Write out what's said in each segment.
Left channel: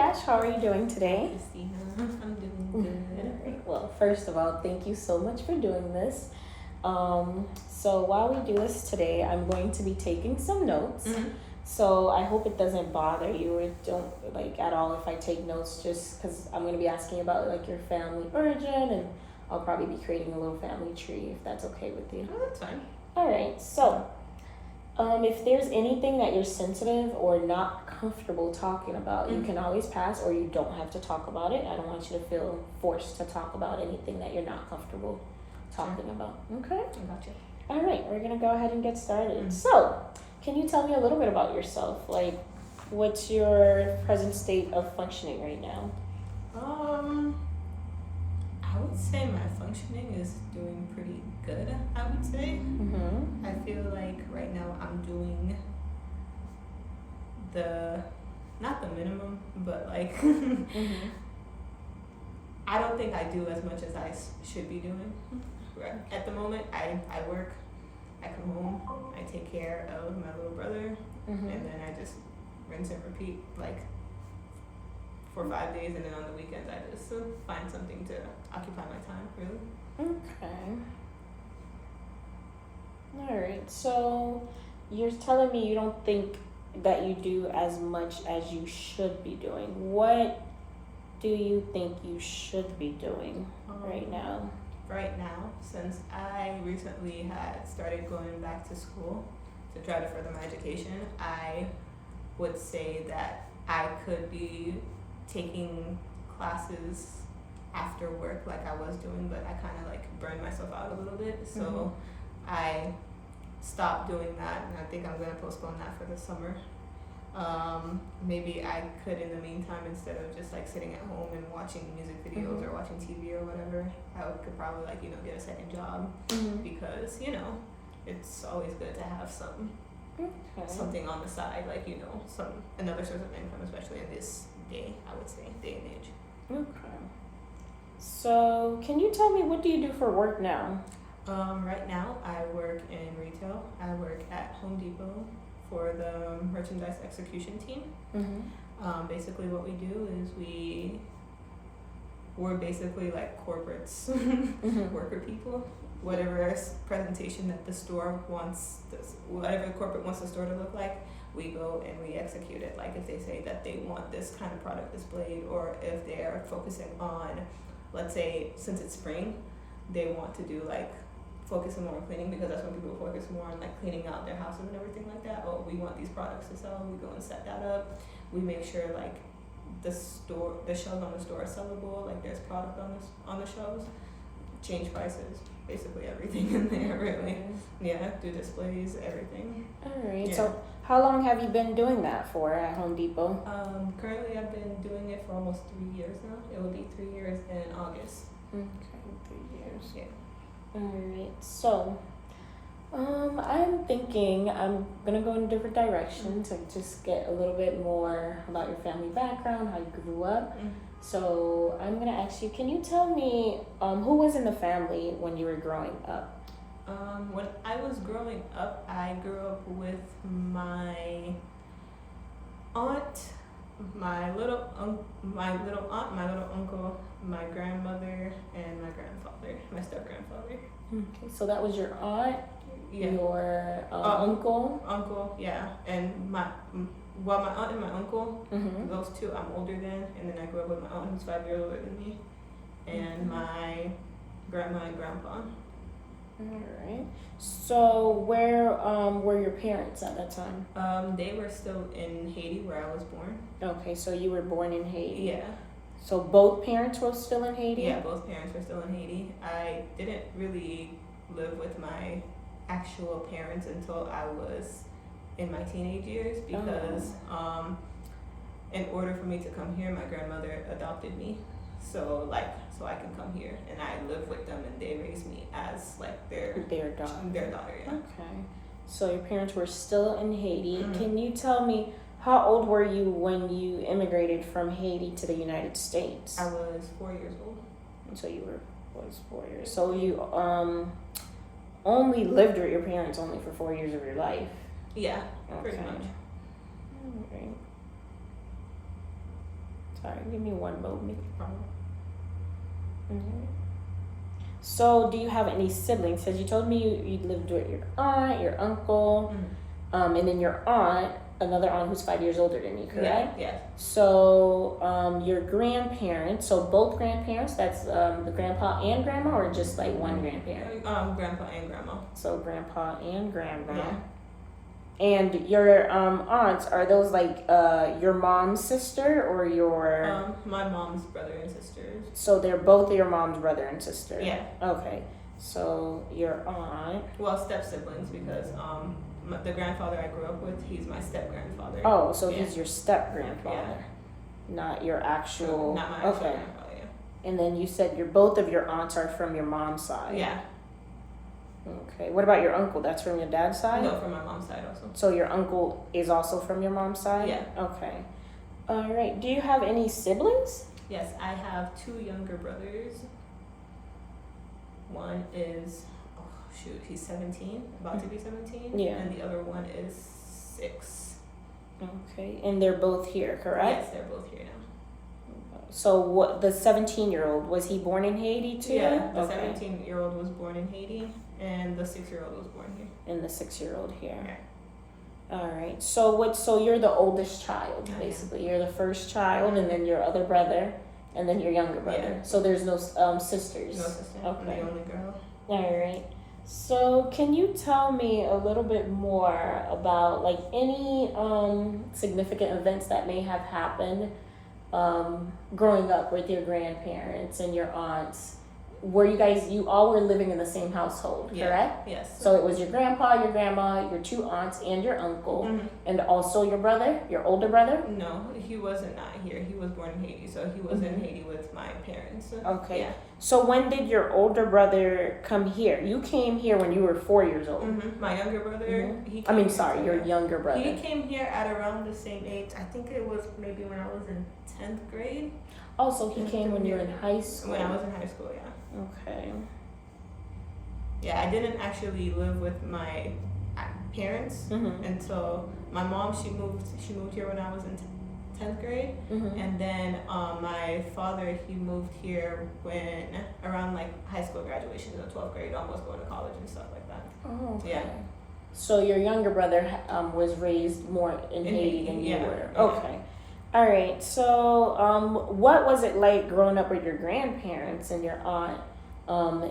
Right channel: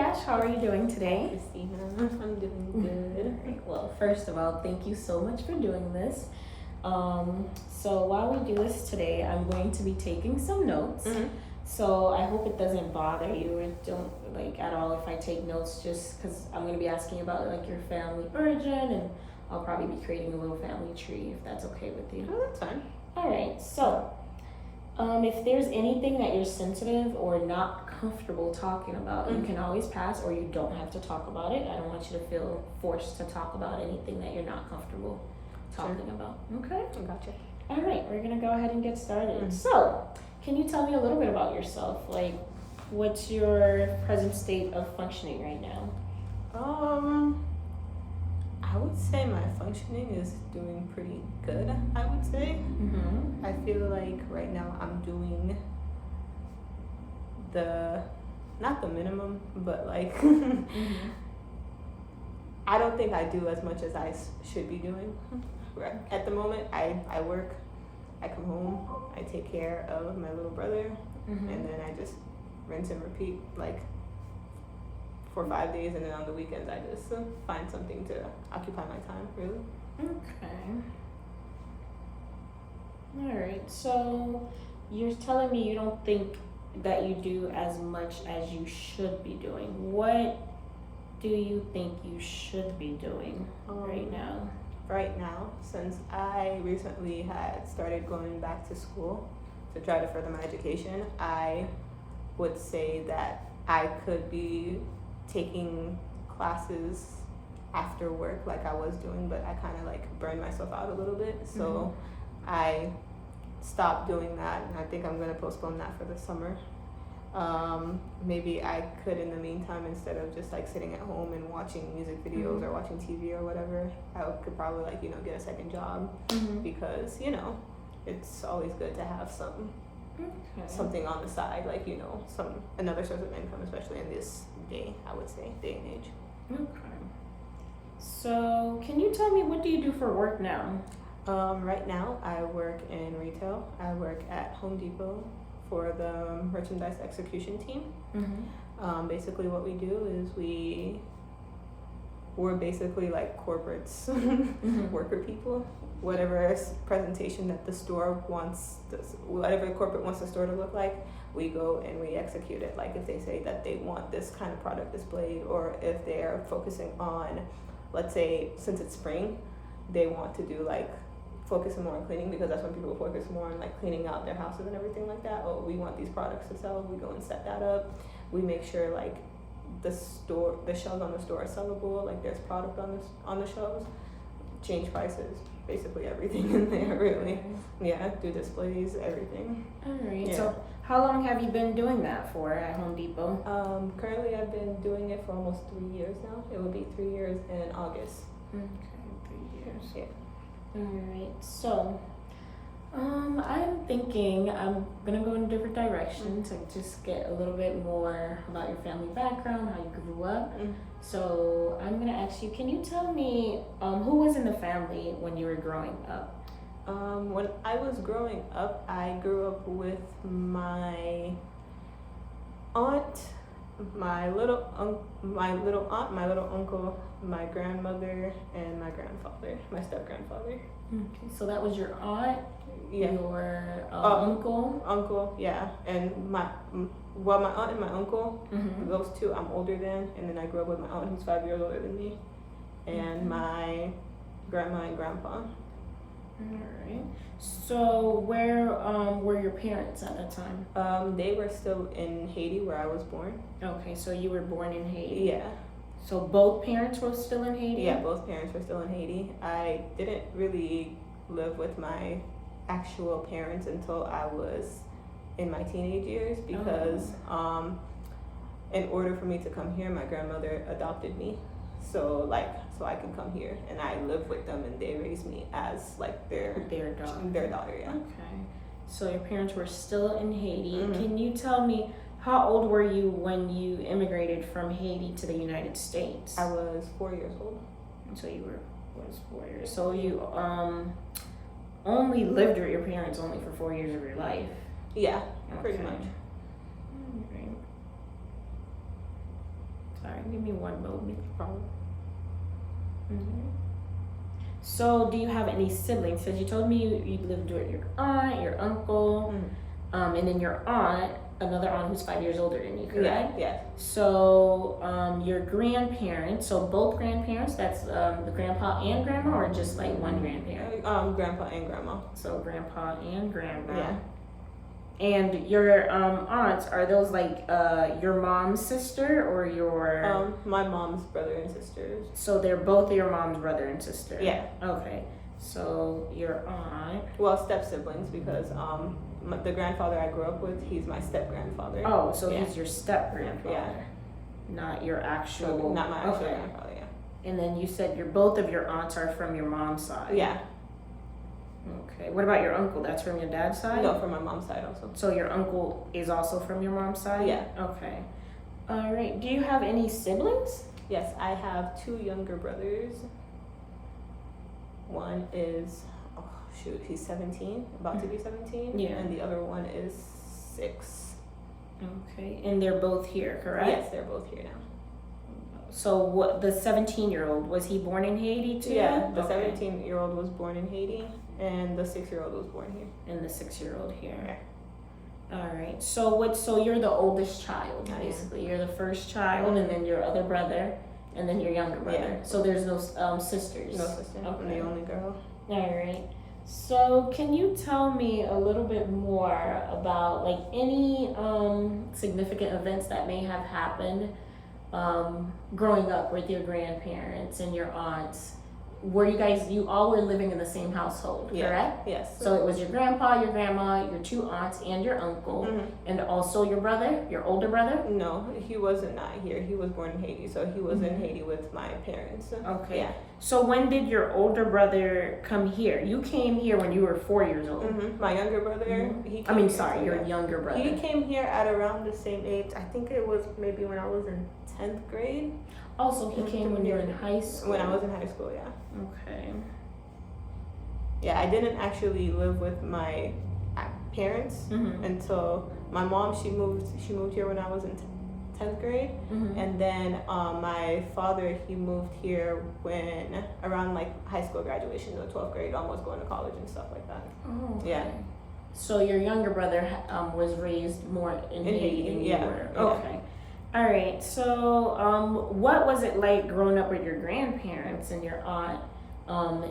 Dash, how are you doing today? Christina, I'm doing good. Well, first of all, thank you so much for doing this. So while we do this today, I'm going to be taking some notes. So I hope it doesn't bother you or don't like at all if I take notes, just because I'm going to be asking about like your family origin, and I'll probably be creating a little family tree if that's okay with you. Oh, that's fine. All right. So if there's anything that you're sensitive or not comfortable talking about, you can always pass, or you don't have to talk about it. I don't want you to feel forced to talk about anything that you're not comfortable talking about. Okay? Gotcha. All right, we're gonna go ahead and get started. So, can you tell me a little bit about yourself? Like, what's your present state of functioning right now? I would say my functioning is doing pretty good, I would say. I feel like right now I'm doing not the minimum, but like, I don't think I do as much as I should be doing. At the moment, I work, I come home, I take care of my little brother, and then I just rinse and repeat like for 5 days, and then on the weekends I just find something to occupy my time, really. Okay. Alright, so you're telling me you don't think that you do as much as you should be doing. What do you think you should be doing right now? Right now, since I recently had started going back to school to try to further my education, I would say that I could be taking classes after work like I was doing, but I kind of like burned myself out a little bit. So I stopped doing that, and I think I'm going to postpone that for the summer. Maybe I could, in the meantime, instead of just like sitting at home and watching music videos or watching TV or whatever, I could probably like, get a second job, because, it's always good to have something on the side, like, another source of income, especially in this day and age. Okay. So can you tell me, what do you do for work now? Right now I work in retail. I work at Home Depot for the merchandise execution team. Basically what we do is we're basically like corporates, worker people. Whatever presentation that the store wants, whatever corporate wants the store to look like, we go and we execute it. Like if they say that they want this kind of product displayed, or if they're focusing on, let's say, since it's spring, they want to do like focusing more on cleaning, because that's when people focus more on like cleaning out their houses and everything like that. Oh, we want these products to sell. We go and set that up. We make sure like the shelves on the store are sellable. Like there's product on the shelves. Change prices, basically everything in there, really. Yeah, do displays, everything. All right. Yeah. So how long have you been doing that for at Home Depot? Currently I've been doing it for almost 3 years now. It will be 3 years in August. Okay, 3 years. Yeah. Alright, so I'm thinking I'm gonna go in a different direction to just get a little bit more about your family background, how you grew up. So I'm gonna ask you, can you tell me who was in the family when you were growing up? When I was growing up, I grew up with my aunt, my little aunt, my little uncle, my grandmother, and my grandfather, my step-grandfather. Okay, so that was your aunt, Yeah. your uncle? Uncle, yeah. And my aunt and my uncle, those two I'm older than, and then I grew up with my aunt who's 5 years older than me, and my grandma and grandpa. Alright. So where were your parents at that time? They were still in Haiti, where I was born. Okay, so you were born in Haiti. Yeah. So both parents were still in Haiti? Yeah, both parents were still in Haiti. I didn't really live with my actual parents until I was in my teenage years, because in order for me to come here, my grandmother adopted me. So I can come here, and I live with them, and they raised me as like their daughter. Yeah. Okay. So your parents were still in Haiti. Can you tell me, how old were you when you immigrated from Haiti to the United States? I was 4 years old. So you were 4 years. So you only lived with your parents only for 4 years of your life. Yeah, pretty much. Alright. Sorry, give me one moment. No problem. Mm-hmm. So, do you have any siblings? Because you told me you lived with your aunt, your uncle, and then your aunt, another aunt who's 5 years older than you, correct? Yeah. So, your grandparents, so both grandparents, that's the grandpa and grandma, or just like one grandparent? Grandpa and grandma. So, grandpa and grandma. Yeah. And your aunts, are those like your mom's sister or your? My mom's brother and sisters. So they're both your mom's brother and sister. Yeah. Okay. So your aunt. Well, step siblings because the grandfather I grew up with, he's my step grandfather. Oh, so he's your step grandfather. Yeah. Not your actual. Not my actual grandfather. Yeah. And then you said both of your aunts are from your mom's side. Yeah. Okay. What about your uncle? That's from your dad's side? No, from my mom's side also. So your uncle is also from your mom's side? Yeah. Okay. All right. Do you have any siblings? Yes, I have 2 younger brothers. One is, he's 17, about to be 17. Yeah. And the other one is 6. Okay. And they're both here, correct? Yes, they're both here now. So what, the 17-year-old, was he born in Haiti too? Yeah, the Okay. 17-year-old was born in Haiti, and the 6-year-old was born here. And the 6-year-old here. Yeah. All right. So you're the oldest child, I am. basically. You're the first child, and then your other brother, and then your younger brother. Yeah. So there's no sisters. No sister. Okay. I'm the only girl. All right. So can you tell me a little bit more about like any significant events that may have happened growing up with your grandparents and your aunts? Were you all were living in the same household, correct? Yes. So it was your grandpa, your grandma, your 2 aunts, and your uncle, and also your brother, your older brother? No, he wasn't not here. He was born in Haiti, so he was in Haiti with my parents. Okay. Yeah. So when did your older brother come here? You came here when you were 4 years old. My younger brother, he I mean, came sorry, here. your younger brother. He came here at around the same age. I think it was maybe when I was in 10th grade. Oh, so he came when you were in high school. When I was in high school, yeah. Okay. Yeah, I didn't actually live with my parents until my mom. She moved here when I was in 10th grade, and then my father, he moved here when around like high school graduation, in the 12th grade, almost going to college and stuff like that. Oh, okay. Yeah. So your younger brother was raised more in Haiti than you were. Yeah. Okay. All right. So, what was it like growing up with your grandparents and your aunt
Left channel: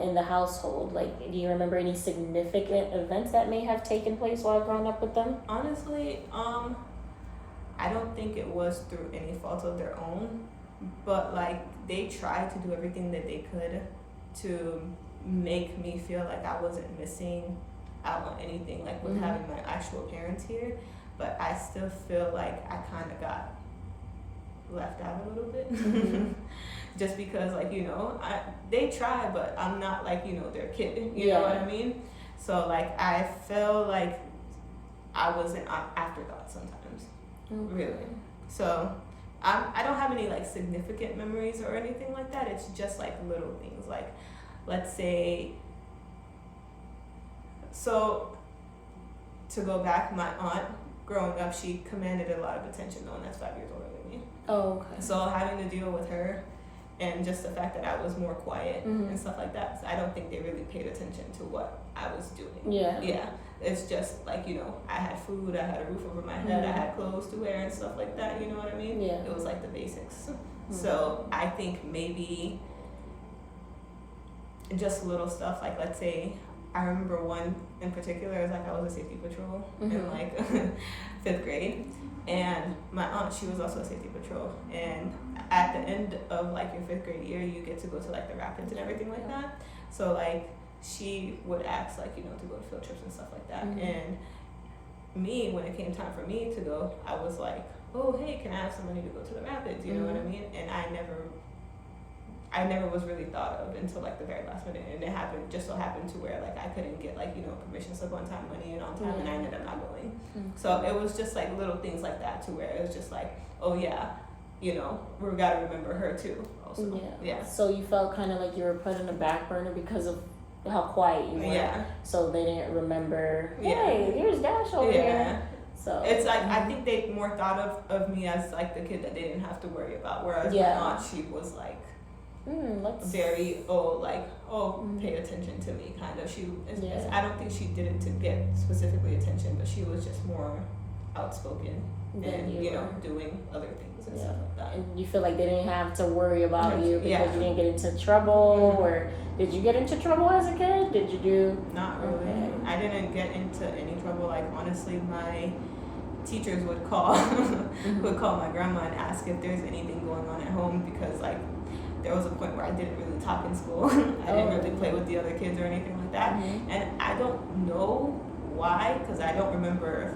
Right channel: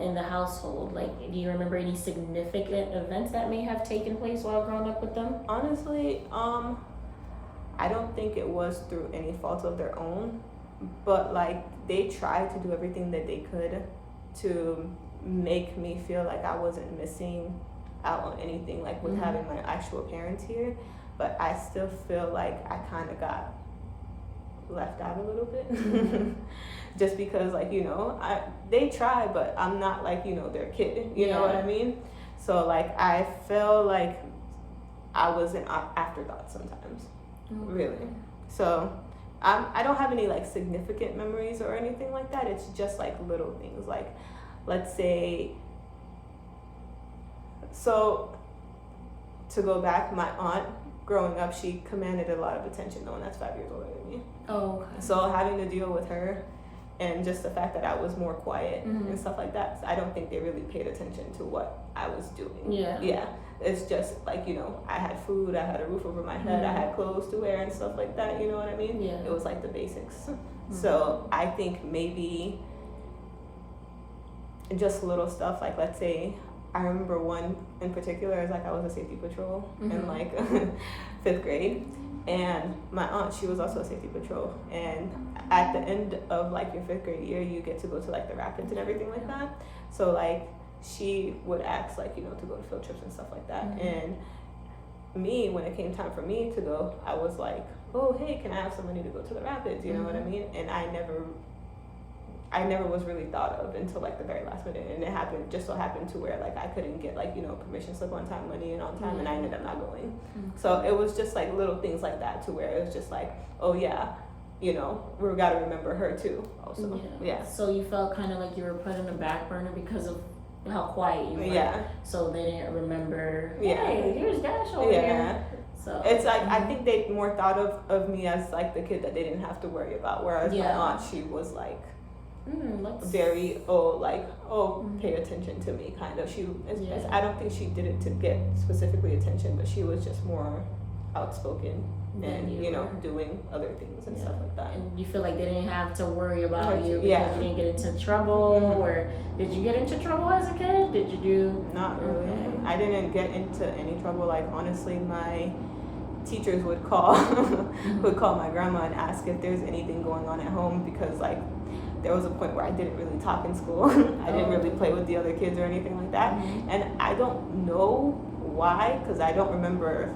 in the household? Like, do you remember any significant events that may have taken place while growing up with them? Honestly, I don't think it was through any fault of their own, but like they tried to do everything that they could to make me feel like I wasn't missing out on anything, like with having my actual parents here. But I still feel like I kind of got left out a little bit. Just because, like, they try, but I'm not like, their kid, you know what I mean? So like I feel like I was an afterthought sometimes. Really. So I don't have any like significant memories or anything like that. It's just like little things, like let's say, so to go back, my aunt growing up, she commanded a lot of attention, knowing that's 5 years older than me. Oh, okay. So having to deal with her and just the fact that I was more quiet and stuff like that, I don't think they really paid attention to what I was doing. Yeah. It's just like, I had food, I had a roof over my head, I had clothes to wear and stuff like that, you know what I mean? Yeah. It was like the basics. So I think maybe just little stuff, like let's say, I remember one in particular, is like I was a safety patrol in like 5th grade, and my aunt, she was also a safety patrol, and at the end of like your 5th grade year, you get to go to like the rapids and everything like that. So like she would ask like, to go to field trips and stuff like that. And me, when it came time for me to go, I was like, oh, hey, can I have some money to go to the rapids? You know what I mean? And I never was really thought of until like the very last minute, and it just so happened to where like I couldn't get like permission slip on time, money and on time, and I ended up not going. So it was just like little things like that, to where it was just like, oh yeah, we got to remember her too also. Yeah. So you felt kind of like you were put on the back burner because of how quiet you were. Yeah. So they didn't remember, hey, here's Dash over here. So So it's like I think they more thought of me as like the kid that they didn't have to worry about, whereas my aunt, she was like very pay attention to me kind of. I don't think she did it to get specifically attention, but she was just more outspoken and doing other things and stuff like that. And you feel like they didn't have to worry about you because you didn't get into trouble, or did you get into trouble as a kid? Did you do? Not really. Okay. I didn't get into any trouble. Like honestly, my teachers would call my grandma and ask if there's anything going on at home, because like there was a point where I didn't really talk in school. I didn't really play with the other kids or anything like that. And I don't know why, because I don't remember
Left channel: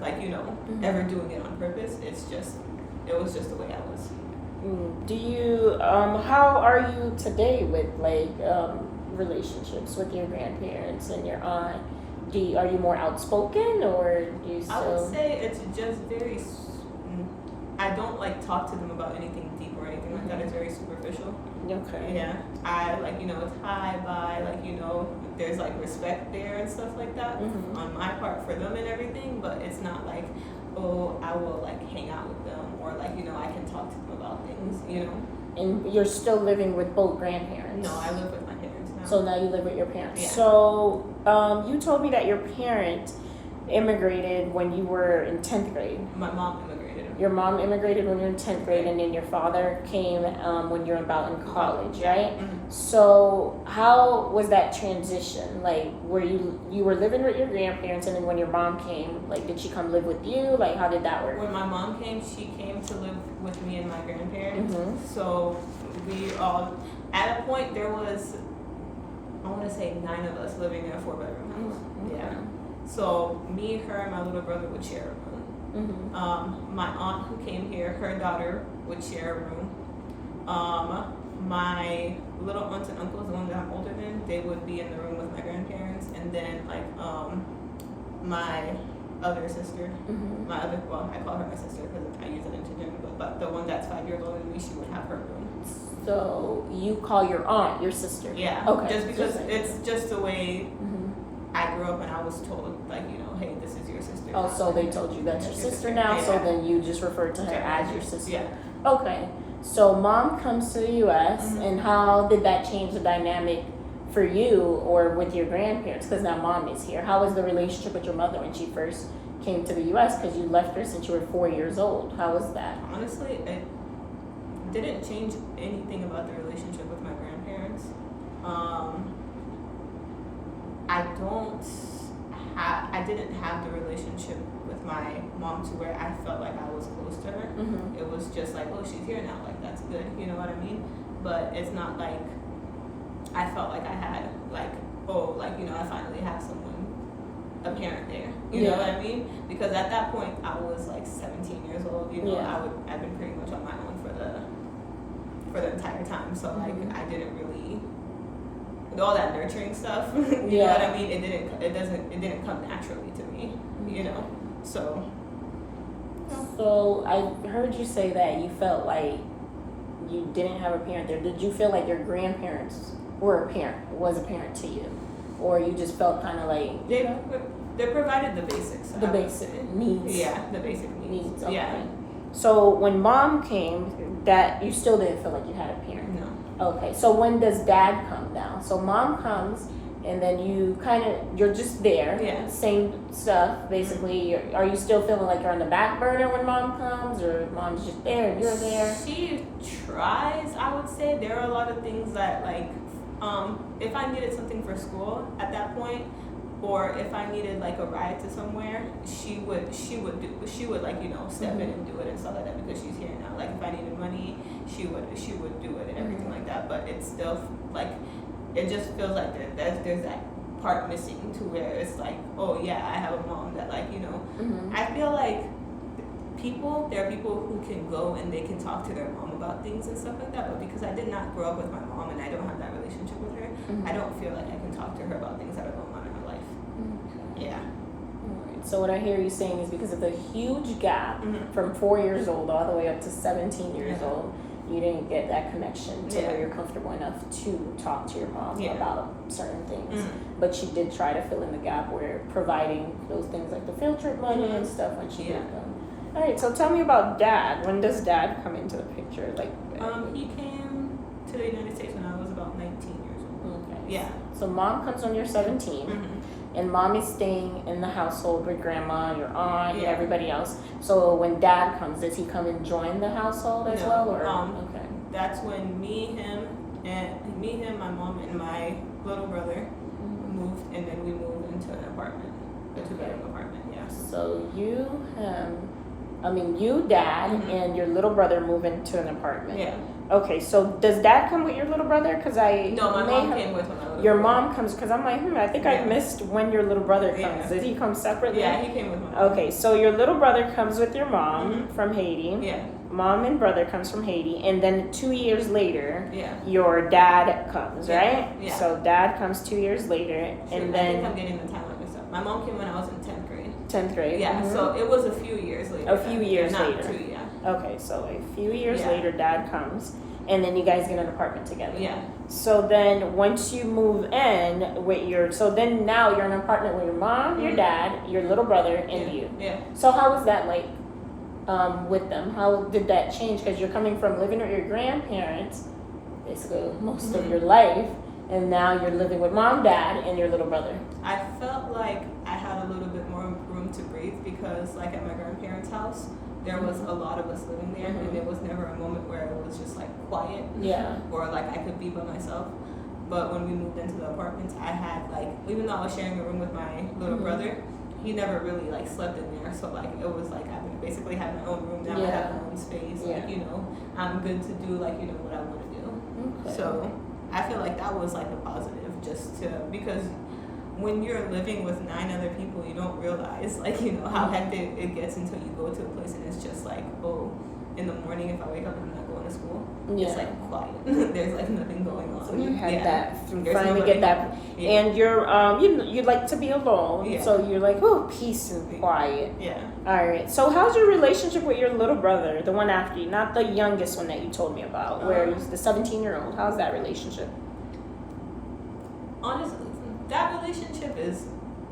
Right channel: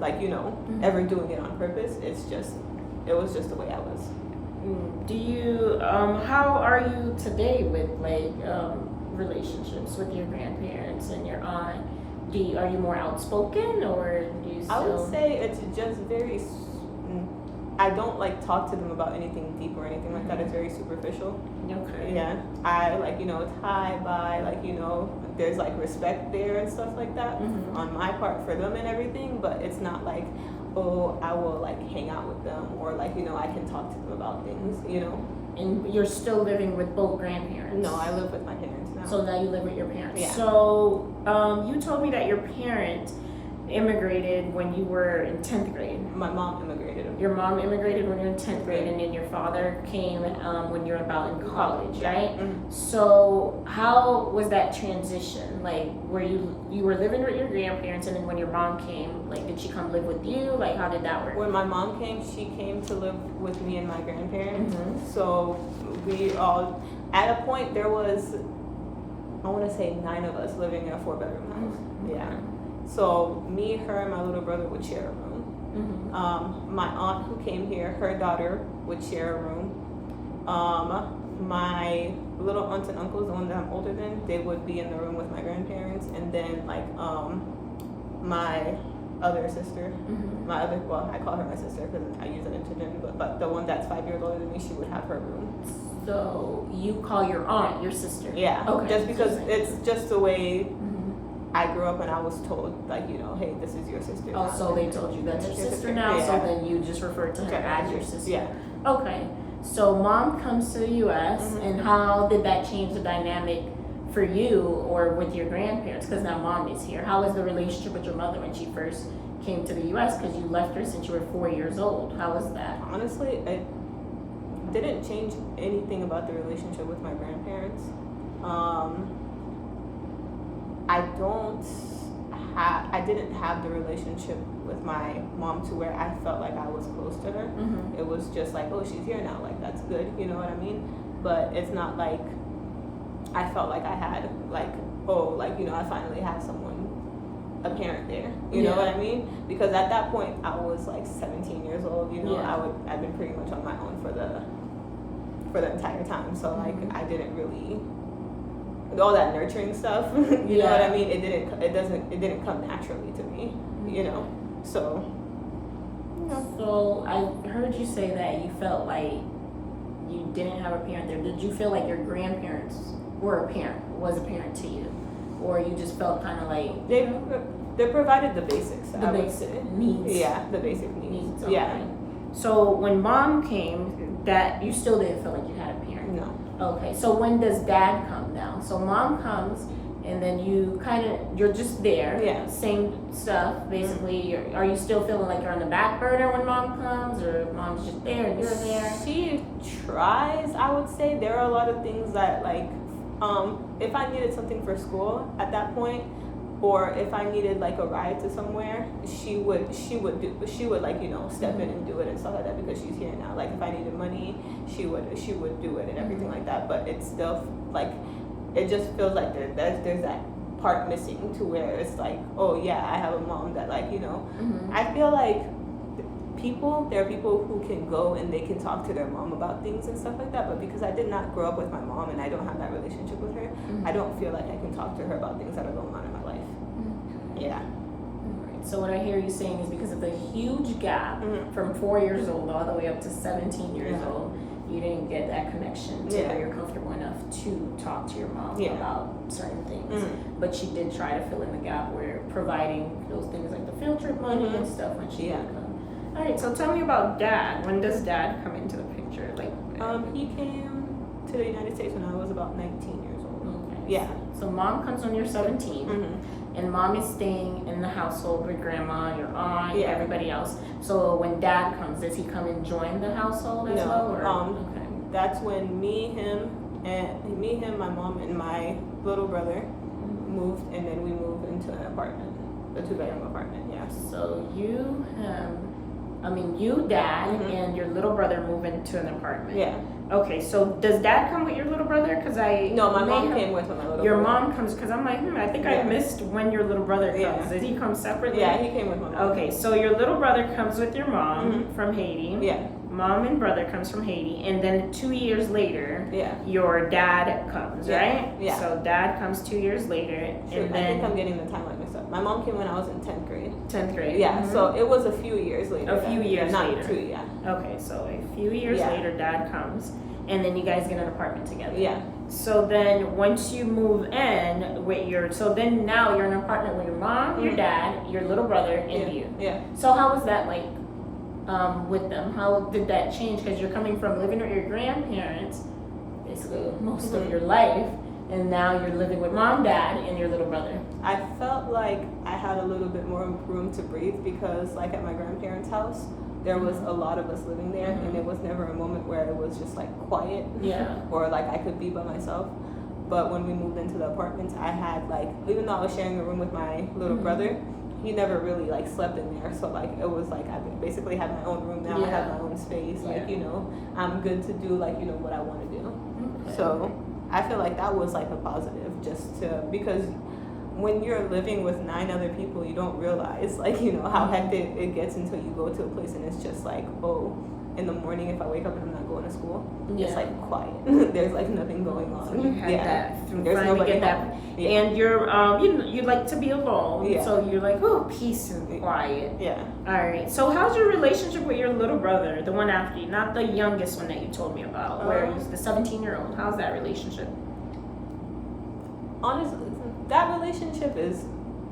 ever doing it on purpose. It was just the way I was. Do you how are you today with relationships with your grandparents and your aunt? Are you more outspoken, or do you still? I would say it's just very. I don't talk to them about anything deep or anything like that. It's very superficial. Okay. Yeah. I it's hi, bye, there's respect there and stuff like that on my part for them and everything, but it's not like, oh, I will hang out with them, or I can talk to them about things, And you're still living with both grandparents? No, I live with my parents now. So now you live with your parents. Yeah. So you told me that your parent immigrated when you were in 10th grade. My mom immigrated. Your mom immigrated when you were in 10th grade, and then your father came when you were about in college, right? So how was that transition? Were you were living with your grandparents, and then when your mom came, did she come live with you? How did that work? When my mom came, she came to live with me and my grandparents. So we all, at a point, there was, I want to say 9 of us living in a 4-bedroom house. Yeah. So me, her, and my little brother would share a room. My aunt who came here, her daughter would share a room. My little aunts and uncles, the ones that I'm older than, they would be in the room with my grandparents, and then my other sister, I call her my sister because I use that interchangeably, but the one that's 5 years older than me, she would have her room. So you call your aunt your sister? Yeah. Okay. Just because it's just the way I grew up, and I was told, hey, this is your sister. Oh, so they told you that's your sister now, so then you just refer to her as your sister. Yeah. Okay. So mom comes to the U.S., and how did that change the dynamic for you or with your grandparents? Because now mom is here. How was the relationship with your mother when she first came to the U.S.? Because you left her since you were 4 years old. How was that? Honestly, it didn't change anything about the relationship with my grandparents. I didn't have the relationship with my mom to where I felt like I was close to her. It was just oh, she's here now, that's good, you know what I mean? But it's not like I felt like I had I finally have someone, a parent there, you know what I mean? Because at that point I was 17 years old, I've been pretty much on my own for the entire time, so I didn't really, all that nurturing stuff, you know what I mean? It didn't come naturally to me, so. So I heard you say that you felt like you didn't have a parent there. Did you feel like your grandparents was a parent to you, or you just felt kind of they provided the basics, the basic needs? Yeah, the basic needs. Okay. Yeah. So when mom came, that you still didn't feel like you had a parent? No. Okay, so when does dad come now? So mom comes, and then you're just there. Yeah. Same stuff, basically. Are you still feeling like you're on the back burner when mom comes, or mom's just there and you're there? She tries, I would say. There are a lot of things that if I needed something for school at that point, or if I needed a ride to somewhere, she would step in and do it and stuff like that, because she's here now. If I needed money, she would do it and everything like that. But it's still it just feels like there's that part missing to where it's oh yeah, I have a mom that I feel there are people who can go and they can talk to their mom about things and stuff like that, but because I did not grow up with my mom and I don't have that relationship with her, I don't feel like I can talk to her about things that are going on in my life. Yeah. Right. So what I hear you saying is because of the huge gap from 4 years old all the way up to 17 years old, you didn't get that connection to where you're comfortable enough to talk to your mom about certain things. But she did try to fill in the gap where providing those things like the field trip money and stuff when she did come. All right, so tell me about Dad. When does Dad come into the picture? Like, he came to the United States when I was about 19 years old. okay. Yeah. So Mom comes when you're 17. And Mom is staying in the household with Grandma, your aunt, and everybody else. So when Dad comes, does he come and join the household as well? Or? Okay. That's when me, him, my mom, and my little brother moved, and then we moved into an apartment, a 2-bedroom apartment. Yeah. So you, Dad, and your little brother move into an apartment. Yeah. Okay, so does Dad come with your little brother? No, my mom came with my little brother. Your mom comes, because I'm like, I think I missed when your little brother comes. Did he come separately? Yeah, he came with my mom. Okay, so your little brother comes with your mom from Haiti. Yeah. Mom and brother comes from Haiti, and then 2 years later, your dad comes, right? Yeah. So Dad comes 2 years later, and then I think I'm getting the timeline mixed up. My mom came when I was in 10th grade. 10th grade. Yeah. So it was a few years later. Not 2, yeah. Okay, so a few years later, Dad comes, and then you guys get an apartment together. Yeah. So then once you move in with so then now you're in an apartment with your mom, your dad, your little brother, and you. Yeah. So how was that like with them? How did that change? Because you're coming from living with your grandparents basically most of your life, and now you're living with Mom, Dad, and your little brother. I felt like I had a little bit more room to breathe because like at my grandparents' house, there was a lot of us living there, and it was never a moment where it was just like quiet, or like I could be by myself. But when we moved into the apartments, I had like, even though I was sharing a room with my little brother, he never really like slept in there. So like it was like I basically had my own room now. I have my own space. Like I'm good to do like what I want to do. Okay. So I feel like that was like a positive, just to because when you're living with 9 other people, you don't realize like how hectic it gets until you go to a place and it's just like, oh, in the morning if I wake up and I'm not going to school, it's like quiet. There's like nothing going on. So you had that. There's finally get that. And you're you like to be alone, so you're like, oh, peace and quiet. Yeah. All right. So how's your relationship with your little brother, the one after you, not the youngest one that you told me about, where he's the 17-year-old? How's that relationship? Honestly, that relationship is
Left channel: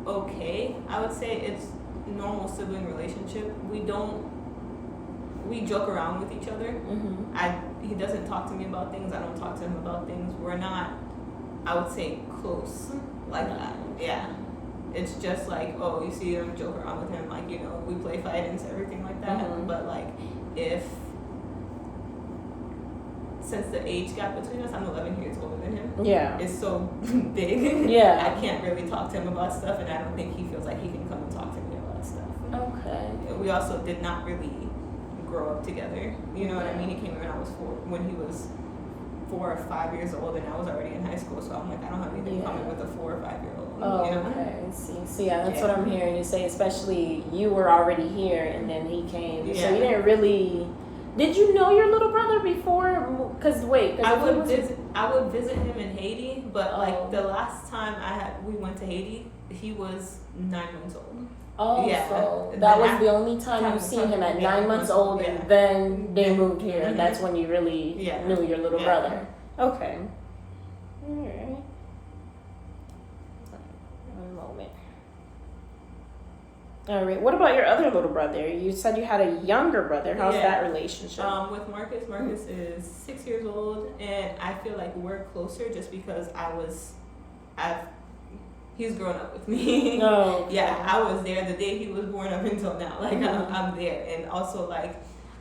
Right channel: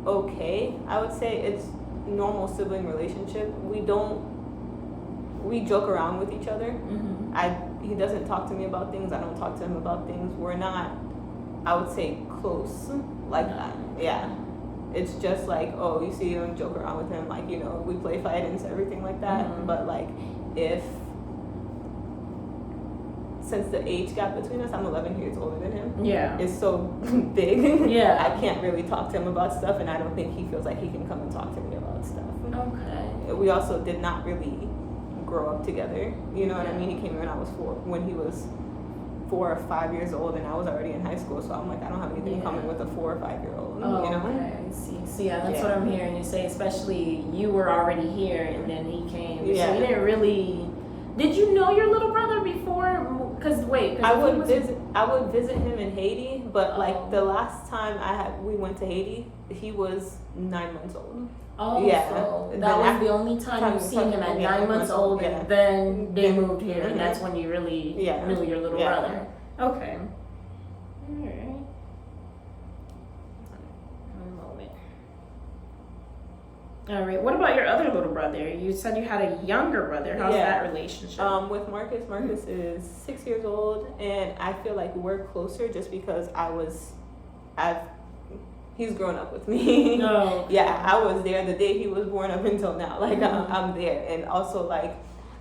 okay. I would say it's normal sibling relationship. We joke around with each other. He doesn't talk to me about things. I don't talk to him about things. We're not, I would say, close like that. Yeah. It's just like, oh, you see him, joke around with him, like, we play fight and everything like that. But like, since the age gap between us, I'm 11 years older than him. Yeah. It's so big. Yeah. I can't really talk to him about stuff, and I don't think he feels like he can come and talk to me about stuff. Okay. We also did not really grow up together. You know what I mean? He came when I was 4, when he was 4 or 5 years old, and I was already in high school. So I'm like, I don't have anything in common with a 4 or 5-year-old. Oh, okay. See, that's what I'm hearing you say. Especially you were already here, and then he came. Yeah. So you didn't really. Did you know your little brother before? I would visit him in Haiti, but like the last time we went to Haiti, he was 9 months old. Oh, yeah. So that was the only time you've seen him at 9 months old, and then they moved here, and that's when you really knew your little brother. Okay. All right. One moment. All right. What about your other little brother? You said you had a younger brother. How's that relationship? With Marcus. Marcus is 6 years old, and I feel like we're closer just because he's grown up with me. No. Okay. Yeah, I was there the day he was born up until now. Like I'm there, and also like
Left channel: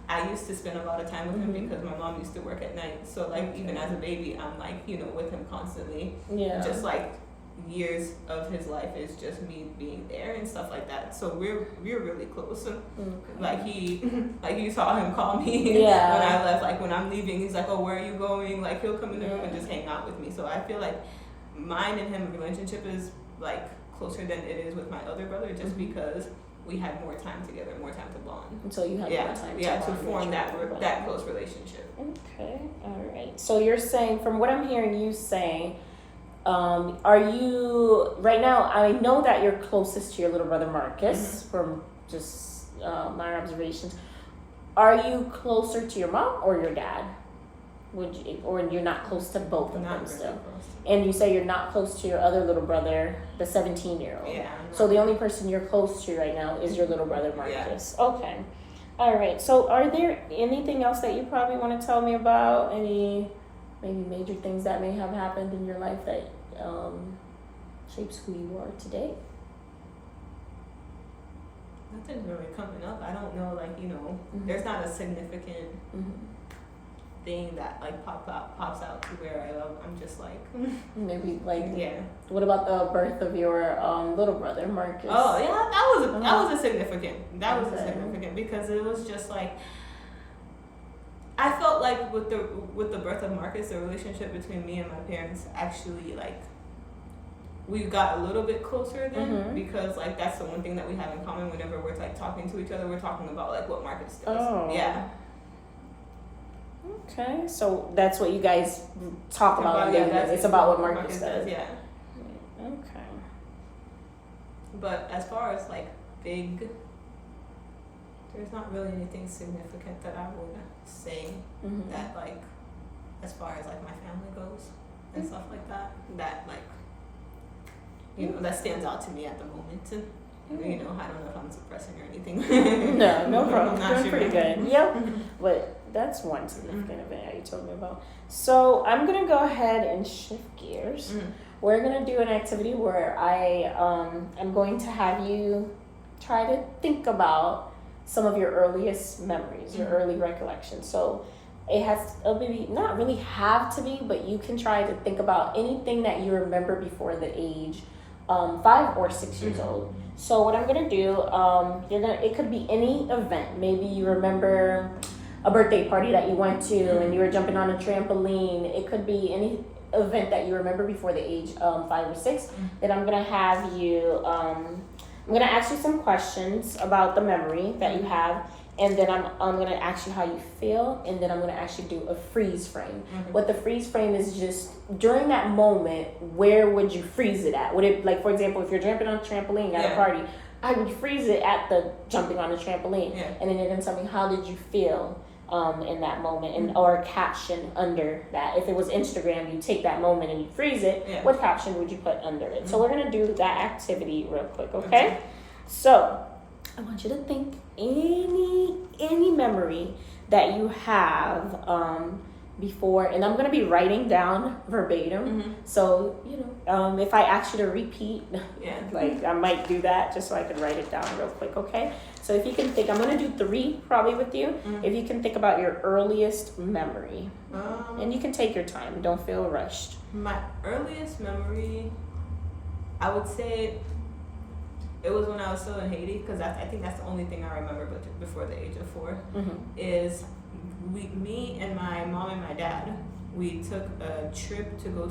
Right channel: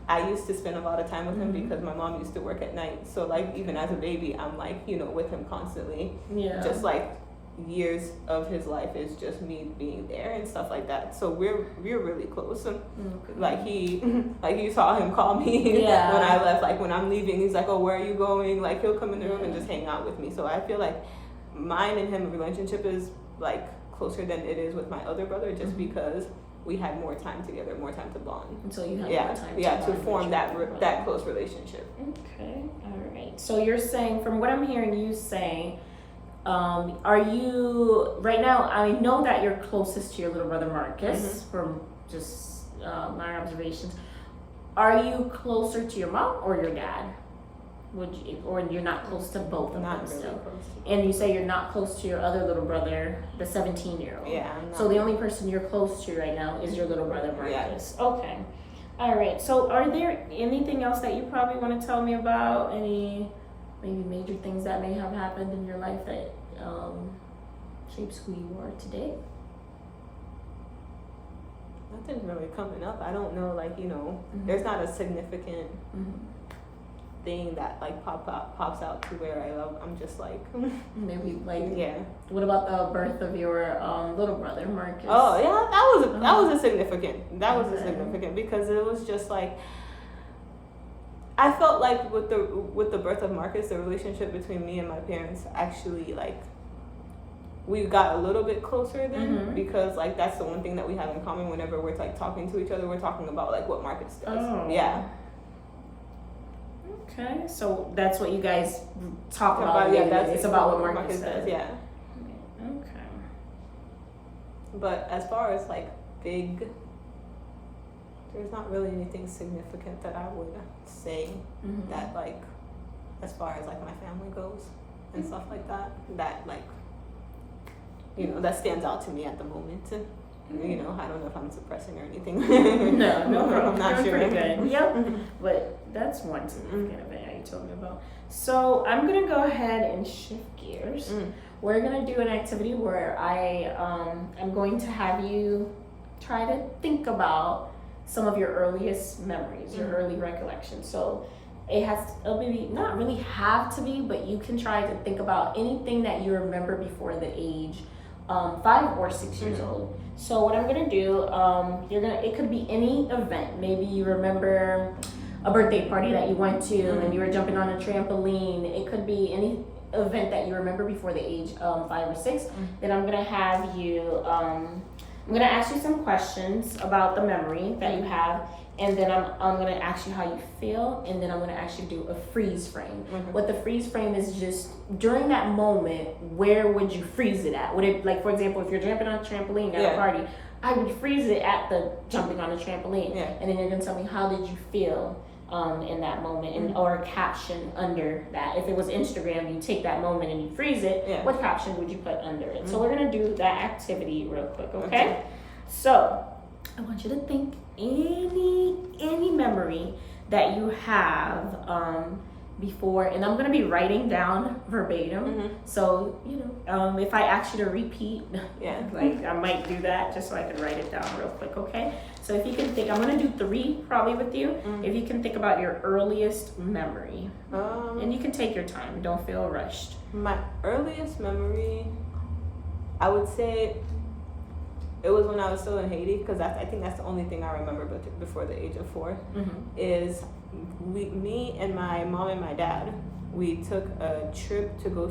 I used to spend a lot of time with him because my mom used to work at night. So like even as a baby, I'm like with him constantly. Yeah. Just like years of his life is just me being there and stuff like that. So we're really close. Like you saw him call me when I left. Like when I'm leaving, he's like, "Oh, where are you going?" Like he'll come in the room and just hang out with me. So I feel like mine and him relationship is like closer than it is with my other brother, just because we had more time together, more time to bond. And so you have more time to form that close relationship. Okay, all right. So you're saying, from what I'm hearing you say, are you right now? I know that you're closest to your little brother Marcus from just my observations. Are you closer to your mom or your dad? Would you, or you're not close to both of Not them really still? close to And you say you're not close to your other little brother, the 17-year-old. Yeah. So the only person you're close to right now is your little brother Marcus. Yeah. Okay. All right. So are there anything else that you probably want to tell me about? Any maybe major things that may have happened in your life that shapes who you are today? Nothing's really coming up. I don't know, like, there's not a significant thing that like pops out to where I'm just like maybe like yeah. What about the birth of your little brother Marcus? Oh yeah, that was a significant. That was a significant because it was just like I felt like with the birth of Marcus, the relationship between me and my parents actually like we got a little bit closer then because like that's the one thing that we have in common whenever we're like talking to each other, we're talking about like what Marcus does. Oh. Yeah. Okay, so that's what you guys talk about. Yeah, it's about what Marcus does. Yeah. Okay. But as far as like big, there's not really anything significant that I would say that like, as far as like my family goes and stuff like that, that like, that stands out to me at the moment. I don't know if I'm suppressing or anything. No problem. I'm not sure. Pretty good. Yep. But that's one significant event that you told me about. So I'm gonna go ahead and shift gears. We're gonna do an activity where I'm going to have you try to think about some of your earliest memories, your early recollections. So it'll be not really have to be, but you can try to think about anything that you remember before the age 5 or 6 years old. So what I'm gonna do, it could be any event. Maybe you remember a birthday party that you went to and you were jumping on a trampoline. It could be any event that you remember before the age 5 or 6. Then I'm gonna have you, I'm gonna ask you some questions about the memory that you have, and then I'm gonna ask you how you feel, and then I'm gonna actually do a freeze frame. What the freeze frame is just during that moment, where would you freeze it at? Would it, like, for example, if you're jumping on a trampoline at a party, I would freeze it at the jumping on the trampoline, and then you're gonna tell me how did you feel in that moment, and or a caption under that. If it was Instagram, you take that moment and you freeze it. What caption would you put under it? So we're gonna do that activity real quick, okay? So I want you to think any memory that you have before, and I'm gonna be writing down verbatim. So if I ask you to repeat, like I might do that just so I can write it down real quick, okay? So if you can think, I'm gonna do 3 probably with you. If you can think about your earliest memory, and you can take your time, don't feel rushed. My earliest memory, I would say it was when I was still in Haiti, because I think that's the only thing I remember before the age of 4, is me and my mom and my dad, we took a trip to go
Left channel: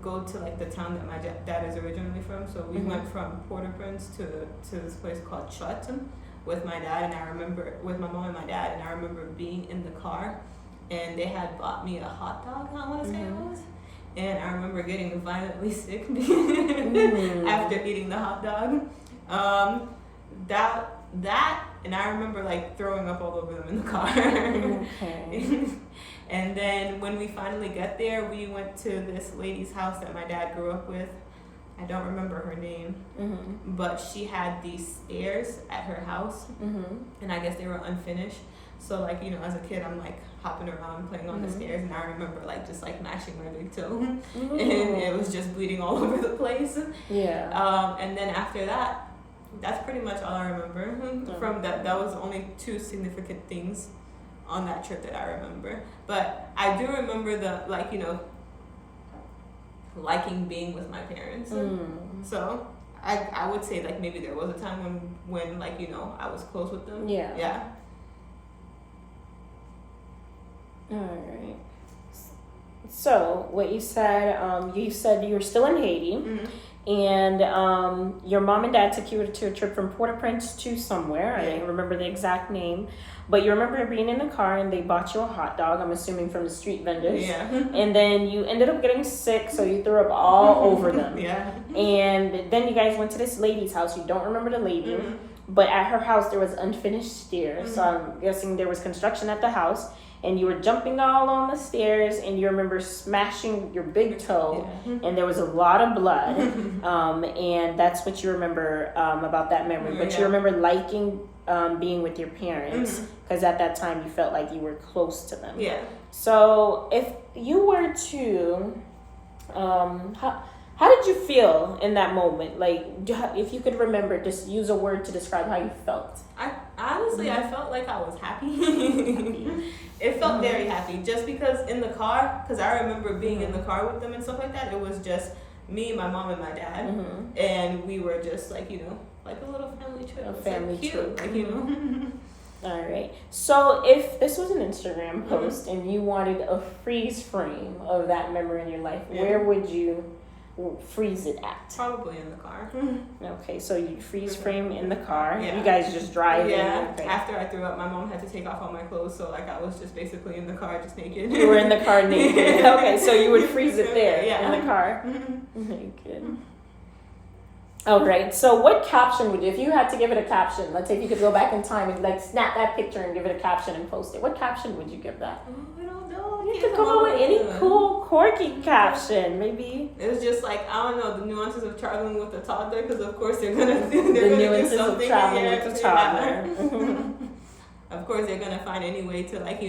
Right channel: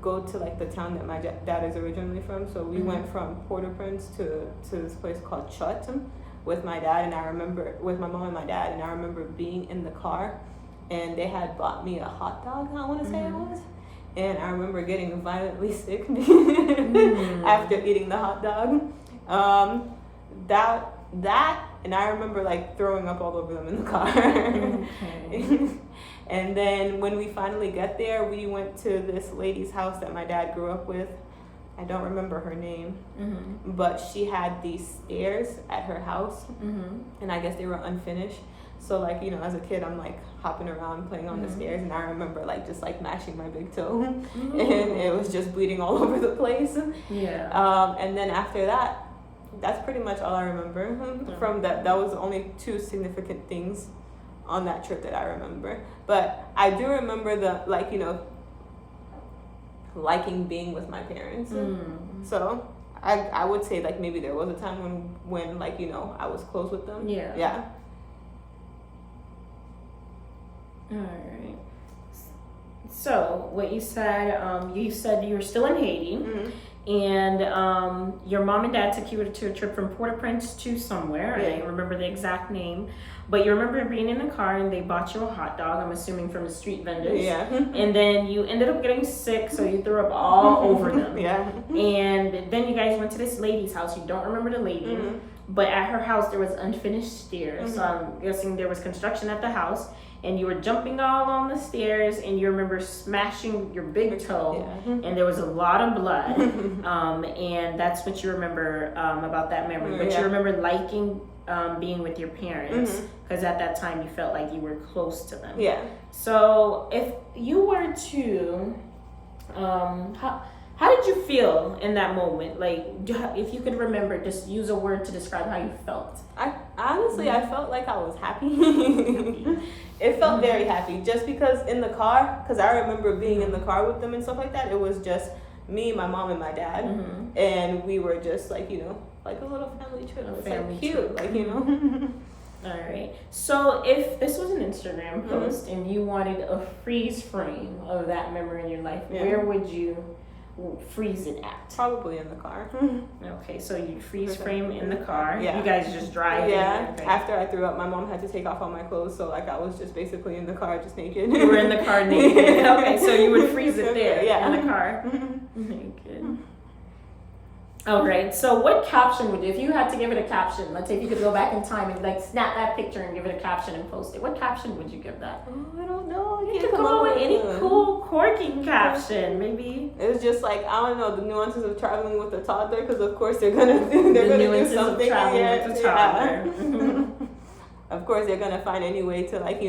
go to like the town that my dad is originally from. So we went from Port-au-Prince to this place called Chut with my dad, and I remember with my mom and my dad, and I remember being in the car, and they had bought me a hot dog, I want to say it was. And I remember getting violently sick after eating the hot dog. That, and I remember like throwing up all over them in the car. And then when we finally got there, we went to this lady's house that my dad grew up with. I don't remember her name, but she had these stairs at her house, and I guess they were unfinished. So like, as a kid, I'm like hopping around playing on the stairs, and I remember like just like mashing my big toe, and it was just bleeding all over the place. And then after that, that's pretty much all I remember from that. That was only 2 significant things on that trip that I remember. But I do remember the liking being with my parents. So I would say like maybe there was a time when like I was close with them. Yeah. All right. So what you said you were still in Haiti, and your mom and dad took you to a trip from Port-au-Prince to somewhere. I don't remember the exact name, but you remember being in the car and they bought you a hot dog, I'm assuming from the street vendors. And then you ended up getting sick, so you threw up all over them. And then you guys went to this lady's house. You don't remember the lady, but at her house there was unfinished stairs. So I'm guessing there was construction at the house. and you were jumping all on the stairs, and you remember smashing your big toe, and there was a lot of blood, and that's what you remember about that memory. But you remember liking being with your parents, because at that time you felt like you were close to them. Yeah. So if you were to, how did you feel in that moment? Like, if you could remember, just use a word to describe how you felt. I honestly, I felt like I was happy. It felt very happy, just because in the car, because I remember being in the car with them and stuff like that. It was just me, my mom, and my dad, and we were just like, like a little family trip. It was family like cute, trip. like All right. So if this was an Instagram post and you wanted a freeze frame of that memory in your life, where would you freeze it at? Probably in the car. Okay, so you freeze frame in the car. Yeah. You guys just drive in. After I threw up, my mom had to take off all my clothes, so like I was just basically in the car, just naked. You were in the car naked. Okay, so you would freeze it there in the car. Good. All right. So what caption would you, if you had to give it a caption, let's say if you could go back in time and like snap that picture and give it a caption and post it, what caption would you give that? I don't know. You could come up with any cool, quirky caption, maybe. It was just like, I don't know, the nuances of traveling with a toddler, because of course they're gonna do something. Traveling with a toddler. Of course they're gonna find any way to like,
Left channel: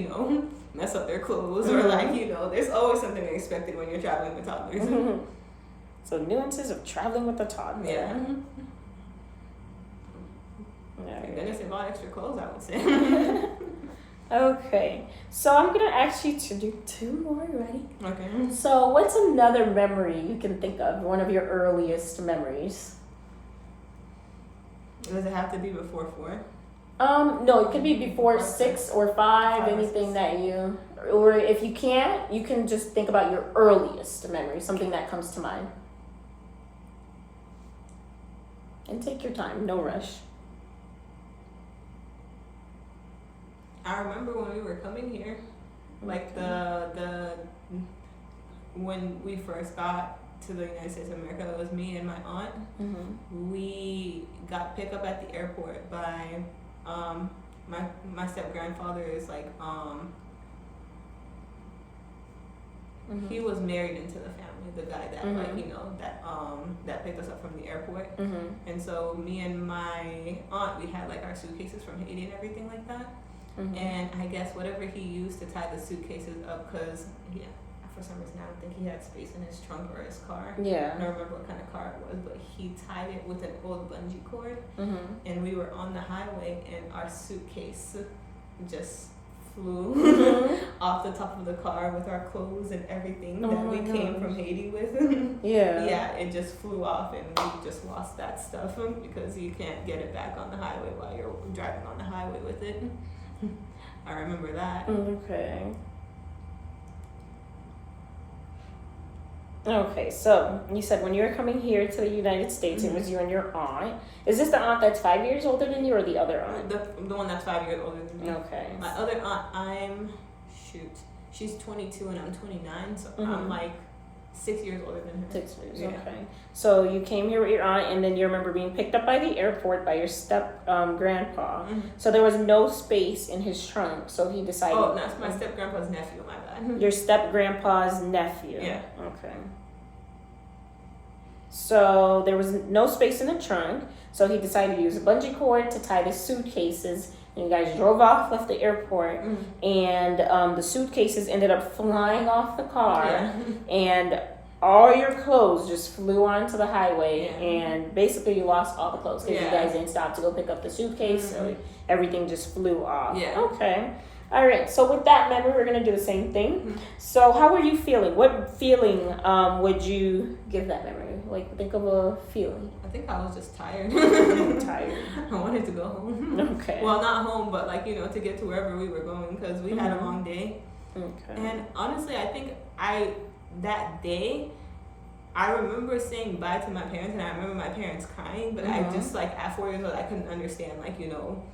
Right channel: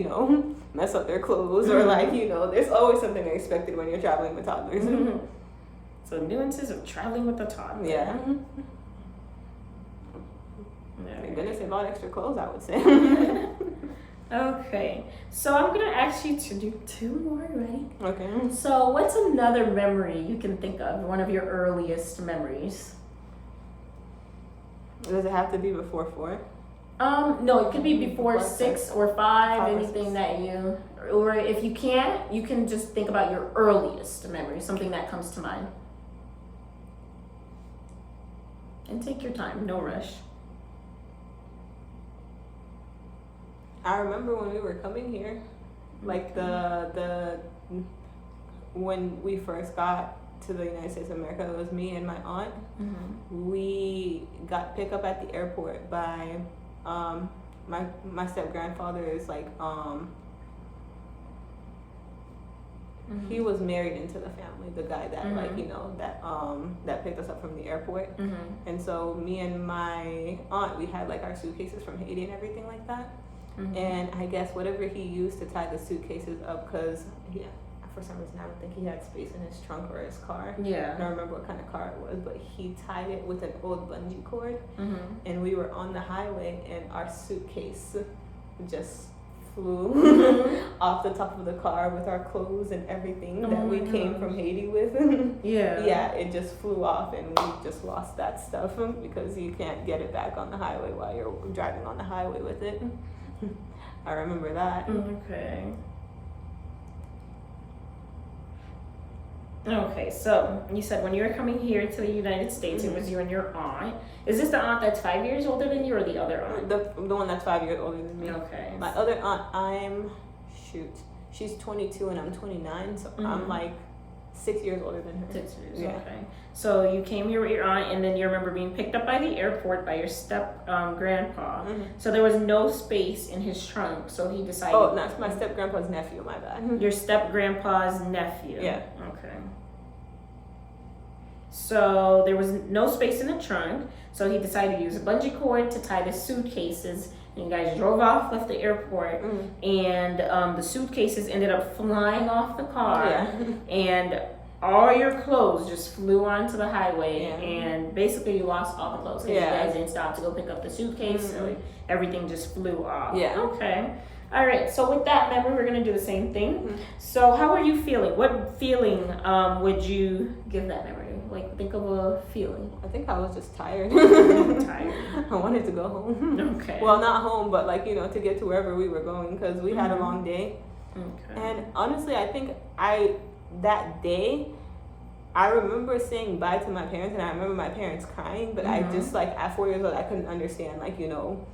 mess up their clothes or like, there's always something unexpected when you're traveling with toddlers. So nuances of traveling with a toddler. Yeah. Thank goodness they bought extra clothes, I would say. Okay. So I'm gonna ask you to do 2 more. You ready? Okay. So what's another memory you can think of? One of your earliest memories? Does it have to be before 4? No, it could be before 6 or 5, anything that you, or if you can't, you can just think about your earliest memory, something that comes to mind. And take your time, no rush. I remember when we were coming here, like when we first got to the United States of America, it was me and my aunt. We got picked up at the airport by my step grandfather is like he was married into the family, the guy that like that picked us up from the airport. And so me and my aunt, we had like our suitcases from Haiti and everything like that. And I guess whatever he used to tie the suitcases up, because for some reason I don't think he had space in his trunk or his car. Yeah. I don't remember what kind of car it was, but he tied it with an old bungee cord. And we were on the highway, and our suitcase just flew off the top of the car with our clothes and everything that we came from Haiti with. Yeah, it just flew off, and we just lost that stuff because you can't get it back on the highway while you're driving on the highway with it. I remember that. Okay, so you said when you were coming here to the United States, it was you and your aunt. Is this the aunt that's 5 years older than you, or the other aunt? The one that's 5 years older than me. Okay. My other aunt, she's 22 and I'm 29, so I'm like 6 years older than her. 6 years, okay. So you came here with your aunt, and then you remember being picked up by the airport by your step grandpa. So there was no space in his trunk, so he decided. Oh, that's my step grandpa's nephew. My bad. Your step grandpa's nephew. Yeah. Okay. So there was no space in the trunk, so he decided to use a bungee cord to tie the suitcases. And you guys drove off, left the airport, and the suitcases ended up flying off the car, and all your clothes just flew onto the highway, and basically you lost all the clothes because you guys didn't stop to go pick up the suitcase, so everything just flew off. Okay. All right, so with that memory, we're going to do the same thing. So how were you feeling? What feeling would you give that memory? Like, think of a feeling. I think I was just tired. Tired. I wanted to go home. Okay. Well, not home, but like, to get to wherever we were going, because we had a long day. Okay. And honestly, I think that day, I remember saying bye to my parents, and I remember my parents crying, but I just, like, at 4 years old, I couldn't understand, like,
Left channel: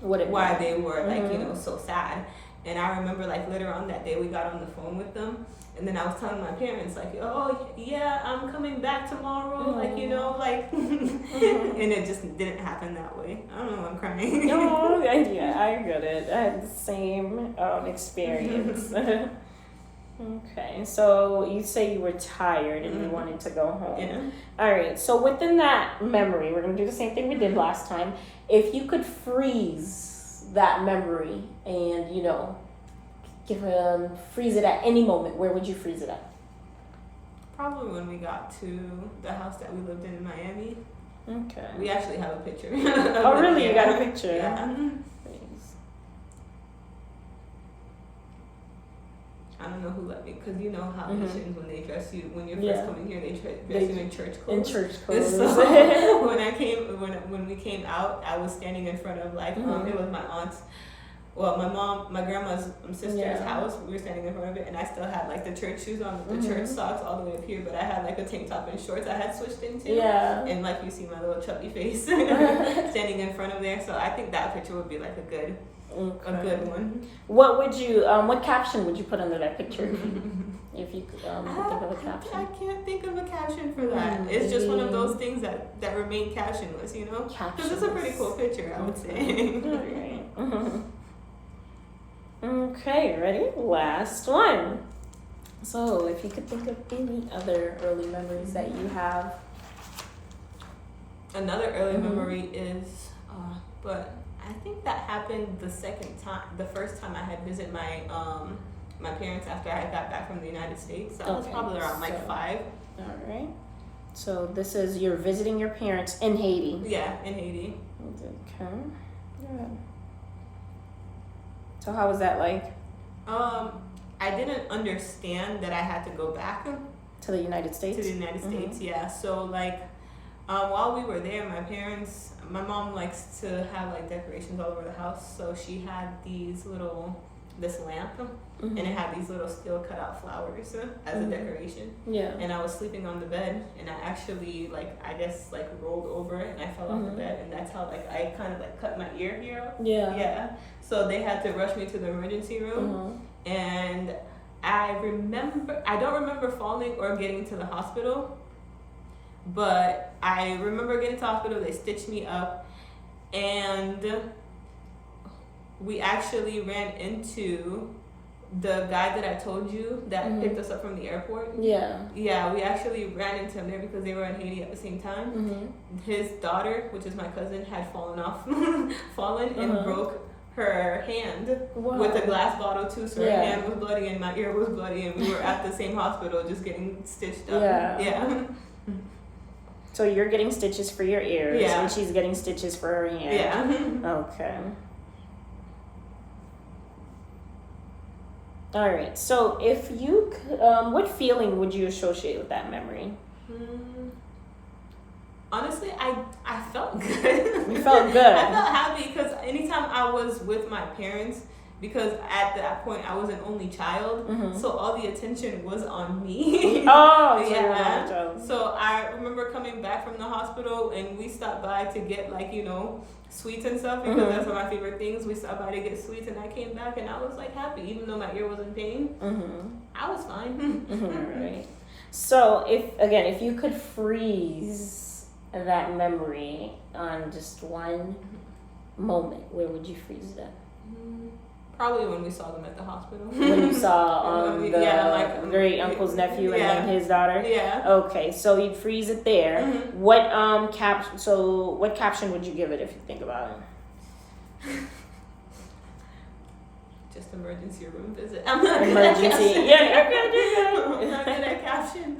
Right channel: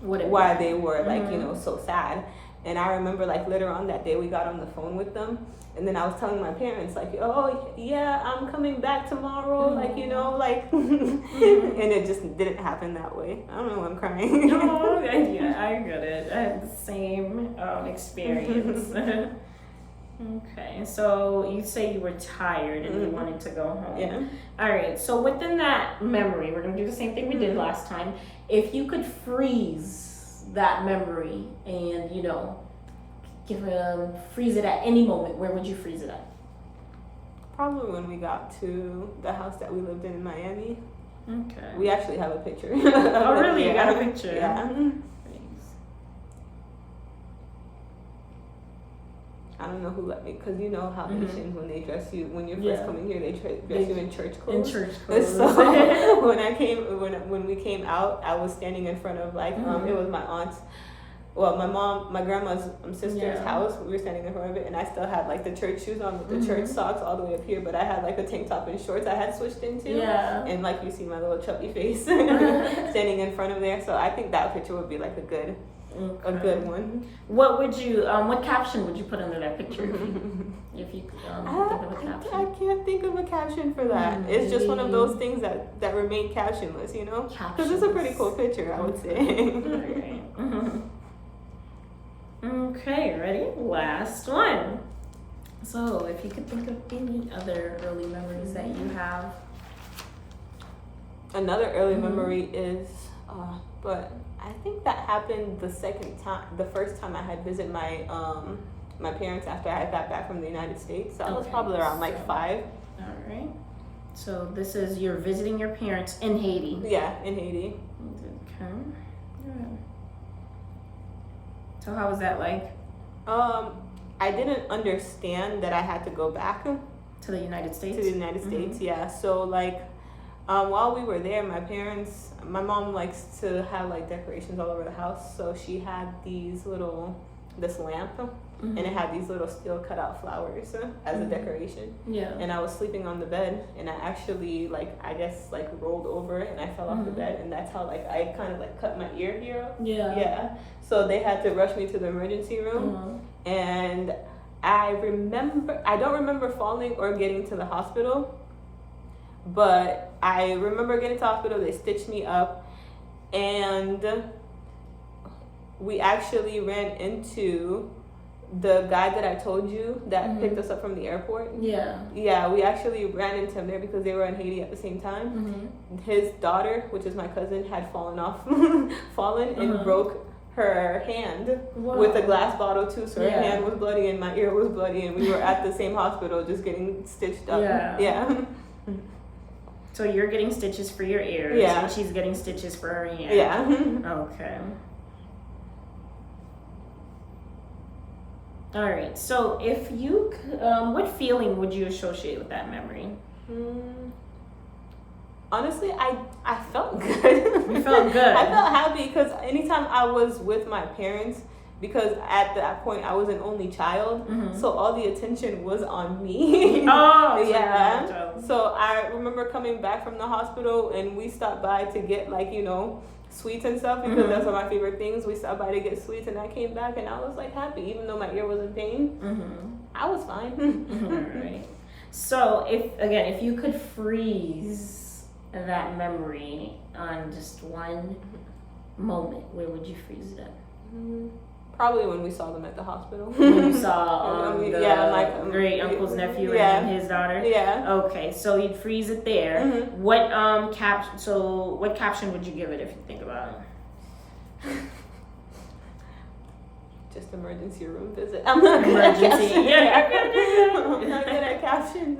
why they were, like, so sad. And I remember like later on that day we got on the phone with them, and then I was telling my parents like, oh yeah, I'm coming back tomorrow, like you know, like, and it just didn't happen that way. I don't know why I'm crying. No, yeah, I get it. I had the same experience. Okay, so you say you were tired and you wanted to go home. Yeah. All right, so within that memory, we're gonna do the same thing we did last time. If you could freeze that memory and freeze it at any moment, where would you freeze it at? Probably when we got to the house that we lived in Miami. Okay. We actually have a picture. Oh, really? Yeah. You got a picture? Yeah. Freeze. I don't know who let me, because you know how Haitians, when they dress you, when you're first Yeah. coming here, they dress you in church clothes. In church clothes. So when we came out, I was standing in front of like, it was my aunt's, well, my grandma's sister's house. We were standing in front of it, and I still had like the church shoes on with the church socks all the way up here, but I had like a tank top and shorts I had switched into. Yeah. And like you see my little chubby face standing in front of there. So I think that picture would be like a good one. What would you, what caption would you put under that picture? If you could think of a caption. I can't think of a caption for that. It's just one of those things that remain captionless, you know? Because it's a pretty cool picture, I would say. Okay, ready? Last one. So, if you could think of any other early memories that you have. Another early memory is, but I think that happened the first time I had visited my parents after I got back from the United States. So I was probably around like 5. All right. So this is you're visiting your parents in Haiti. Yeah, in Haiti. Okay. Good. So how was that like? I didn't understand that I had to go back to the United States. To the United States, yeah. So like, while we were there, my mom likes to have like decorations all over the house. So she had this lamp, and it had these little steel cut out flowers as a decoration. Yeah. And I was sleeping on the bed, and I actually rolled over and I fell off the bed, and that's how I kind of cut my ear here. Yeah. Yeah. So they had to rush me to the emergency room, and I don't remember falling or getting to the hospital, but I remember getting to the hospital. They stitched me up, and we actually ran into the guy that I told you that picked us up from the airport. Yeah. Yeah, we actually ran into him there because they were in Haiti at the same time. His daughter, which is my cousin, had fallen and broke her hand with a glass bottle too. So her hand was bloody and my ear was bloody, and we were at the same hospital just getting stitched up. Yeah. So you're getting stitches for your ears, and she's getting stitches for her hand. Yeah. Okay. All right. So if you could, what feeling would you associate with that memory? Honestly, I felt good. You felt good. I felt happy because anytime I was with my parents, because at that point I was an only child, so all the attention was on me. Oh, yeah. So I remember coming back from the hospital, and we stopped by to get sweets and stuff, because that's one of my favorite things. We stopped by to get sweets, and I came back and I was happy, even though my ear was in pain. I was fine. Right. So if you could freeze that memory on just one moment, where would you freeze it at? Probably when we saw them at the hospital. When you saw my great uncle's nephew and his daughter. Yeah. Okay, so you'd freeze it there. What what caption would you give it if you think about it? Just emergency room visit. I'm not emergency. I'm not good at captions.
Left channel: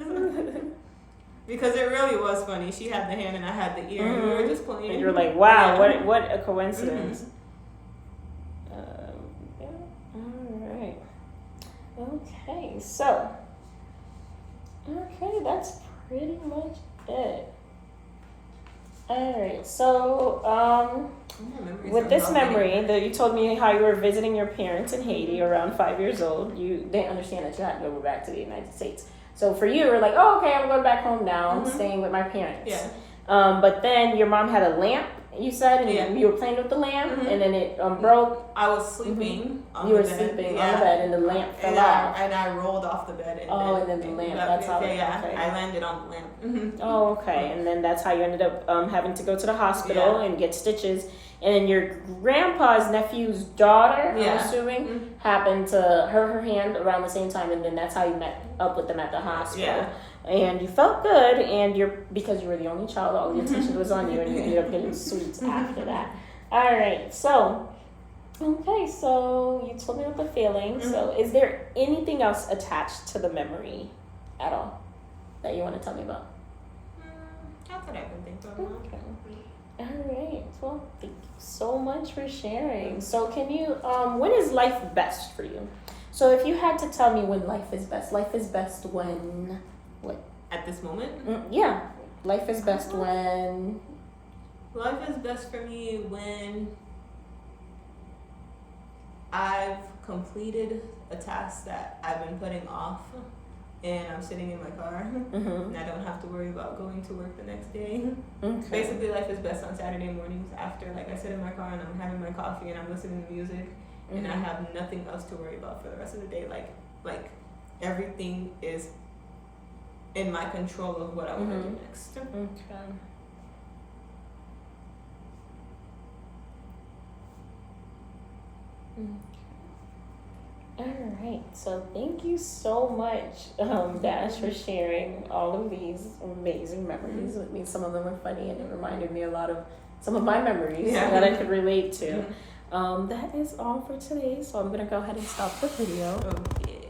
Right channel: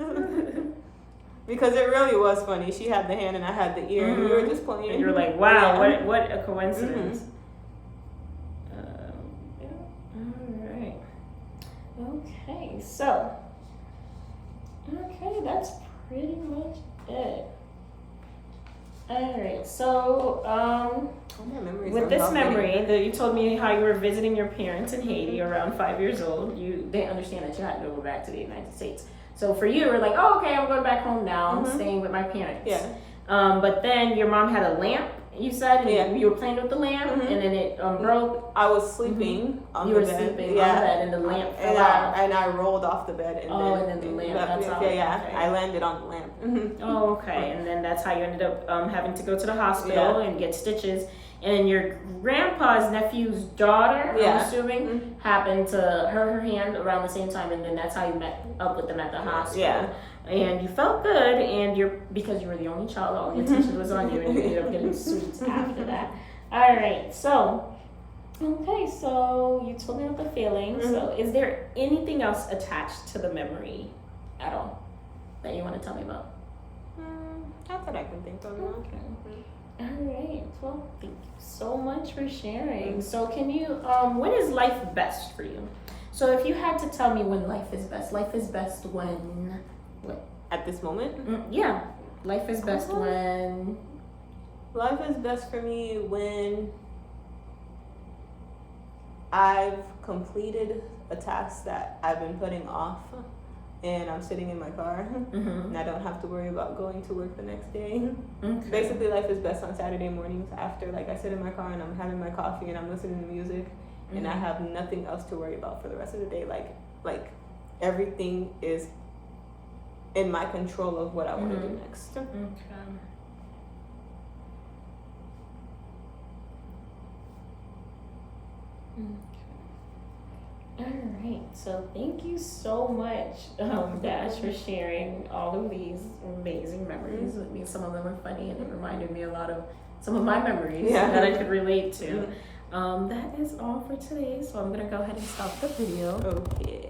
Because it really was funny. She had the hand and I had the ear, and we were just playing. And you're like, wow, what a coincidence. Okay, so that's pretty much it. Alright, so with this memory that you told me how you were visiting your parents in Haiti around 5 years old, you didn't understand that you had to go back to the United States. So for you, we're like, oh, okay, I'm going back home now. I'm staying with my parents. Yeah. But then your mom had a lamp You said, and you were playing with the lamp, and then it broke. I was sleeping on You the were bed. sleeping on the bed, and the lamp fell off. And I rolled off the bed. And then the lamp. That's how. Okay. I landed on the lamp. Oh, okay. And then that's how you ended up having to go to the hospital and get stitches. And your grandpa's nephew's daughter, I'm assuming, happened to hurt her hand around the same time, and then that's how you met up with them at the hospital. Yeah. And you felt good, and because you were the only child, all the attention was on you, and you ended up getting sweets after that. All right, so you told me about the feeling. So, is there anything else attached to the memory at all that you want to tell me about? Not that I can think of. Okay. All right. Well, thank you so much for sharing. So, can you? When is life best for you? So, if you had to tell me when life is best when what? At this moment? Yeah, life is best when. Life is best for me when I've completed a task that I've been putting off, and I'm sitting in my car, and I don't have to worry about going to work the next day. Okay. Basically, life is best on Saturday mornings after, like, I sit in my car and I'm having my coffee and I'm listening to music, and I have nothing else to worry about for the rest of the day. Like everything is in my control of what I want to do next. Okay. All right, so thank you so much, Dash, for sharing all of these amazing memories with me. Some of them were funny and it reminded me a lot of some of my memories that I could relate to. That is all for today, so I'm gonna go ahead and stop the video. Okay.